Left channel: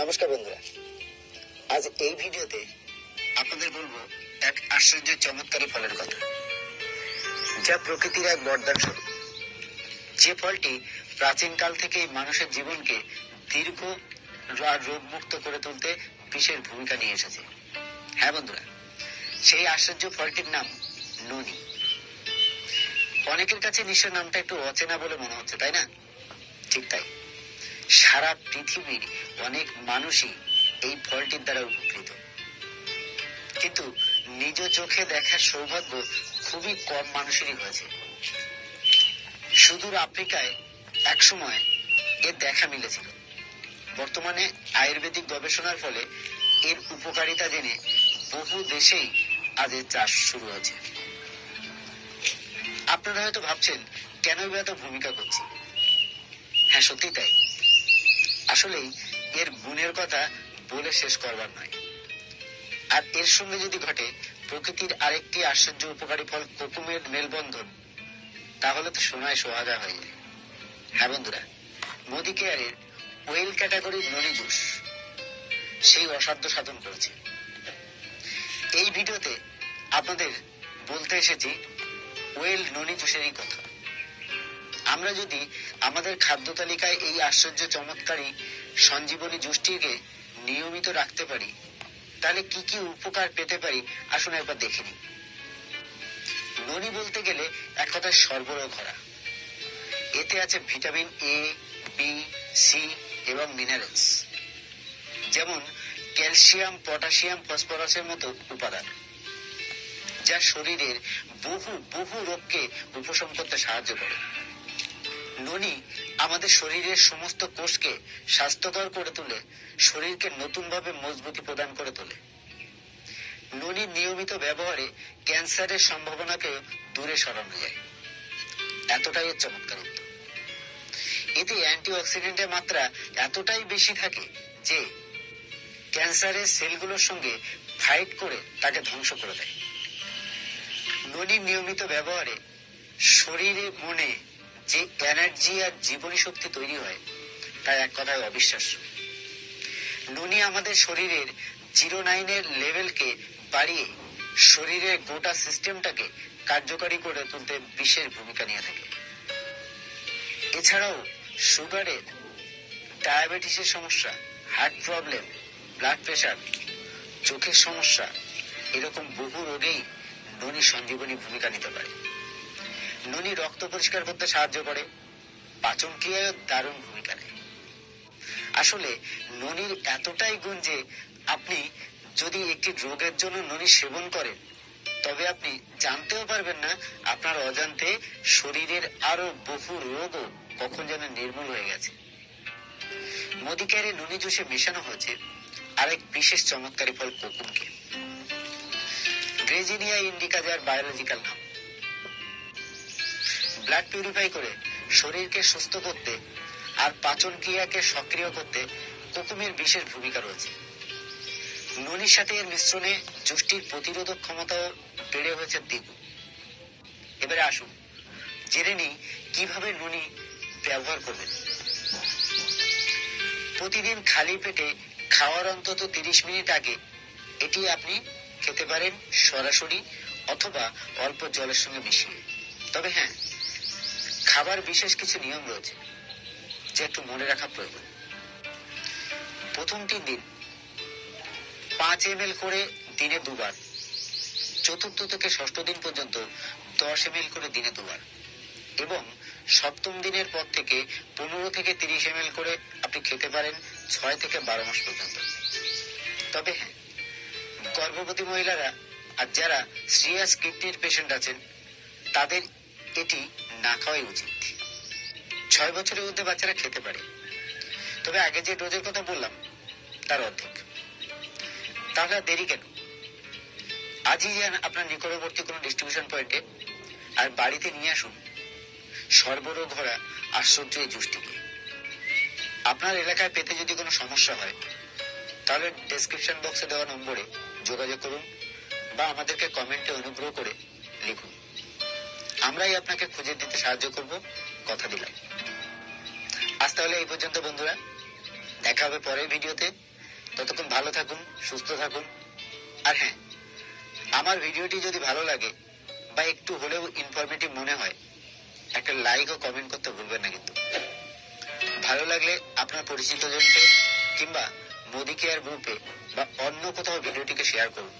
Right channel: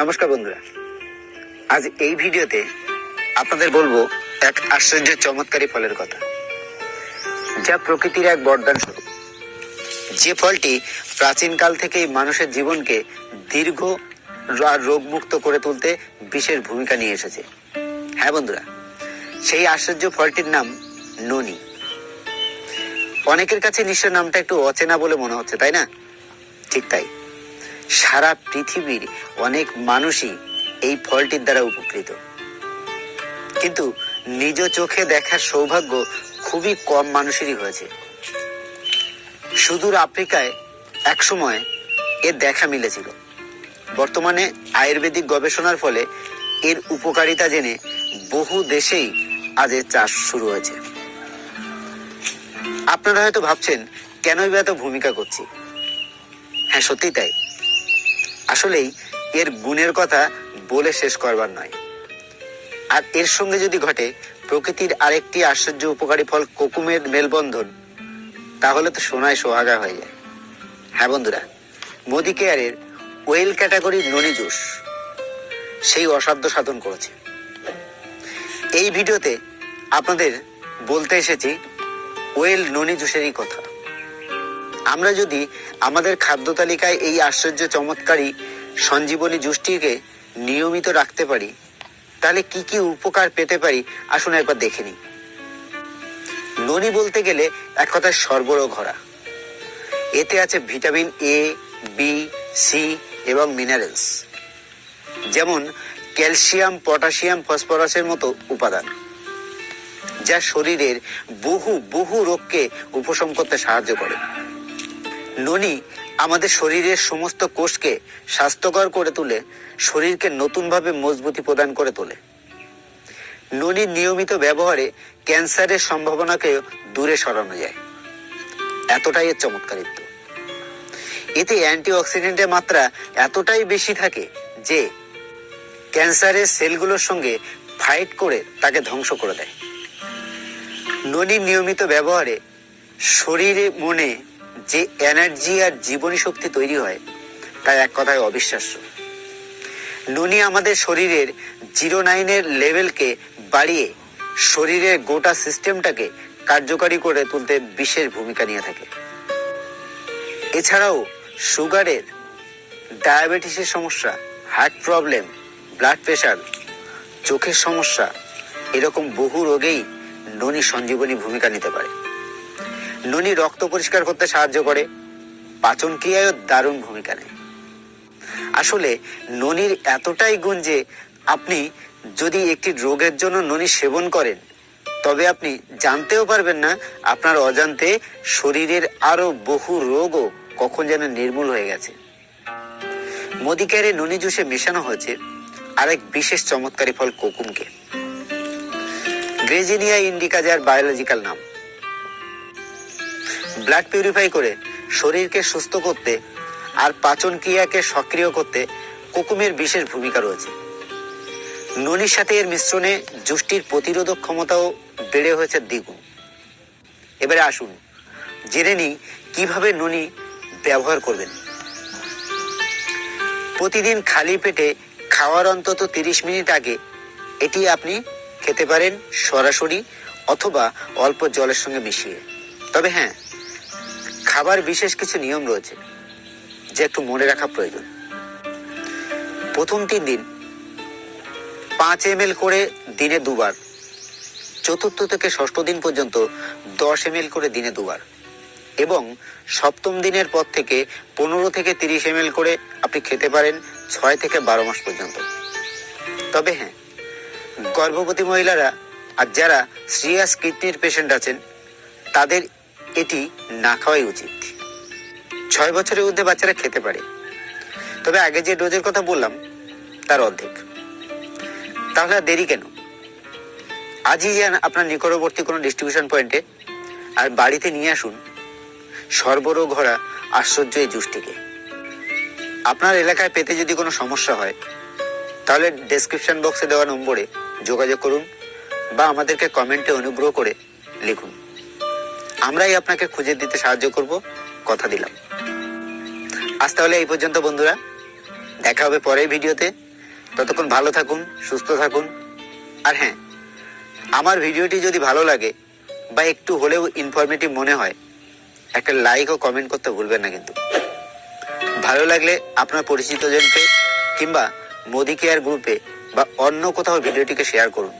নমস্কার বন্ধুরা, আজ এই ভিডিওতে আপনাদের বলবো এক আশ্চর্য চমৎকারী ফলের কথা, যা প্রকৃতির এক বরদান স্বরূপ। যে ফলটি প্রাচীনকাল থেকেই মানুষের জীবনকে দীর্ঘ আর রোগমুক্ত করে তুলতে বিশেষ ভূমিকা নিয়ে এসেছে। হ্যাঁ বন্ধুরা, সেই আশ্চর্য ফলটির নাম ননি। অনেকের কাছে নিশ্চয় নামটা একটু অচেনা বলে মনে হচ্ছে, তাই না? ঠিক তাই, সারা পৃথিবীর অনেক মানুষই এই ফলটির দ্বারা উপকৃত, কিন্তু নিজ চোখে দেখার সৌভাগ্য খুবই কম মানুষেরই হয়েছে। সুদূর আফ্রিকায় একসময় এর দেখা মিলেছিল। বর্তমানে আয়ুর্বেদিক গবেষণার ফলে এর উপকারিতা জেনে বহু দেশেই আজ এর চাষ শুরু হয়েছে। আপনারা হয়তো ভাবছেন, কেনই বা এত ভূমিকা করছি? হ্যাঁ, সত্যি তাই। আসলেই এর গুণের কথা বলে শেষ করবার নয়। আর এর সঙ্গে যদি ঘটে প্রকৃতির আরেকটি আশ্চর্য উপকারী ফল কোকুমের মেলবন্ধন, তাহলে তো সোনায় সোহাগা হয়ে যায়। হ্যাঁ বন্ধুরা, মোদি কেয়ারের ওয়েল ক্যাটাগরির ননি জুস সেই অসাধ্য সাধন করেছে। এই ভিডিওতে আপনাদের বলতে এসেছি ওয়েল ননি জুসেরই কথা। আমরা যদি আমাদের খাদ্য তালিকায় এই আশ্চর্য চমৎকারী সঞ্জীবনী জুসটিকে নিয়মিত রাখতে পারি, তাহলে কি কি উপকার পেতে পারি আসুন একবার দেখে নিই। ননি বলতে গেলে এক কথায় সর্বরোগ হরা। এতে আছে ভিটামিন এ, বি, সি এবং মিনারেলস, যেমন ক্যালসিয়াম, পটাশিয়াম, ফসফরাসের মতো উপাদান, যা শরীরের বহু বহু রোগকে উপশম করতে সাহায্য করে। ননি আমাদের শরীরের সমস্ত কোষকে স্বাস্থ্যকর করে তুলে শরীরকে নতুনভাবে মজবুতি প্রদান করে তোলে। ননির নিয়মিত ব্যবহারে ক্যান্সারের সম্ভাবনাকে দূরে সরানো যায়, এতটাই এর চমৎকারিত্ব। এতে অ্যান্টিঅক্সিডেন্টের মাত্রা এতটাই বেশি থাকে যে ক্যান্সারের সেলগুলোর সঙ্গে ফাইট করে তাকে ধ্বংস করে দেয়। ননির নিয়মিত ব্যবহারে শরীরে মনে যে এনার্জি আর জীবনী শক্তি তৈরি হয়, তা এক কথায় অবিশ্বাস্য। ননি আমাদের শরীরের 09 লেভেলকে বাড়িয়ে শরীরের গোটা সিস্টেমটাকে কার্যকারী করে তুলতে বিশেষ ভূমিকা নিয়ে থাকে। এছাড়াও সুগারের, ডায়াবেটিসের সমস্যা, হার্ট প্রবলেম, ব্লাড প্রেশার, চোখের সমস্যা, এরকম বহু রোগেই ননি সঞ্জীবনী ভূমিকা নিতে পারে। ননি রক্ত পরিষ্কার করতে সাহায্য করে, পাচন ক্রিয়ায়ও দারুণ ভূমিকা নেয়। আসলে ননির এতটাই গুণ যে আপনি যদি একটি রোগের জন্য ননি সেবন করেন, তবে আপনি জানতেও পারবেন না আপনার অজান্তে শরীরের আরো বহু রোগও কখন যেন নির্মূল হয়ে গেছে। মোদি কেয়ারের ননি জুসে মেশানো হয়েছে আরেক বিশেষ চমৎকারী ফল কোকুমকে। গ্রেজিনিয়া ইন্ডিকা, যার বায়োলজিক্যাল নাম। ব্লাড পিউরিফাই করে শরীরকে সুস্থ করতে আর পাচন ক্রিয়াকে সক্রিয় করতে কোকুমের বিশেষ ভূমিকা রয়েছে। ননির সাথে এর মিশ্রণে জুসটির প্রতিরোধক ক্ষমতাও বেড়ে হয়েছে দ্বিগুণ। এবারে আসুন জেনে নিই কিভাবে ননি ব্যবহার করবেন। প্রতিদিন খালি পেটে খাওয়ার অন্তত 30 মিনিট আগে এটি আপনি খেতে পারেন, সরাসরি অথবা অল্প জলের সঙ্গে মিশিয়ে। তবে হ্যাঁ, খাবার বিশেষ কিছু নিয়ম রয়েছে যে একটু মনে রাখা প্রয়োজন। প্রথম 3 দিন 5 ml করে দিনে 2 বার, চতুর্থ থেকে ষষ্ঠ দিন পর্যন্ত 10 ml করে দিনে 2 বার, এবং সপ্তম দিনের পর থেকে 15 থেকে 30 ml করে আপনি খেতে পারেন 6 থেকে 12 মাস পর্যন্ত। তবে হ্যাঁ, গর্ভবতী মহিলারা আর যারা সিরিয়াস কিডনির পেশেন্ট আছেন, তাদের এটি না খাওয়াই উচিত। 6 বছরের ঊর্ধ্বে বাচ্চারা খেতে পারে, তবে আগে যে ডোজের কথা বললাম তার অর্ধেক। তাহলে দেরি কেন? আজই যান আপনার নিকটবর্তী কোনো ডিস্ট্রিবিউশন পয়েন্টে আর বাড়িতে নিয়ে আসুন সর্বরোগ ভরা আশ্চর্য এই জুসটিকে। আপনার এলাকায় পেতে যদি কোনো সমস্যা হয়, তাহলে ডেসক্রিপশন বক্সে দেওয়া নম্বরে যোগাযোগ করুন বা আমাদেরকে কমেন্টে অনুগ্রহ করে লিখুন। আমরাই আপনাকে খুঁজে দিতে সাহায্য করব, কথা দিলাম। আজ তাহলে এই পর্যন্ত বন্ধুরা, দেখা হবে পরের ভিডিওতে। ততক্ষণ ভালো থাকুন, সুস্থ থাকুন। আর হ্যাঁ, আমার ভিডিওটি যদি ভালো লাগে বা একটু হলেও ইনফরমেটিভ মনে হয়, একটা লাইক ও কমেন্ট করতে ভুলবেন না কিন্তু। ভালো লাগলে আপনার পরিচিত জনকে কিংবা মোদি কেয়ার গ্রুপে বা অন্য কোথাও ভিডিওটিকে শেয়ার করুন।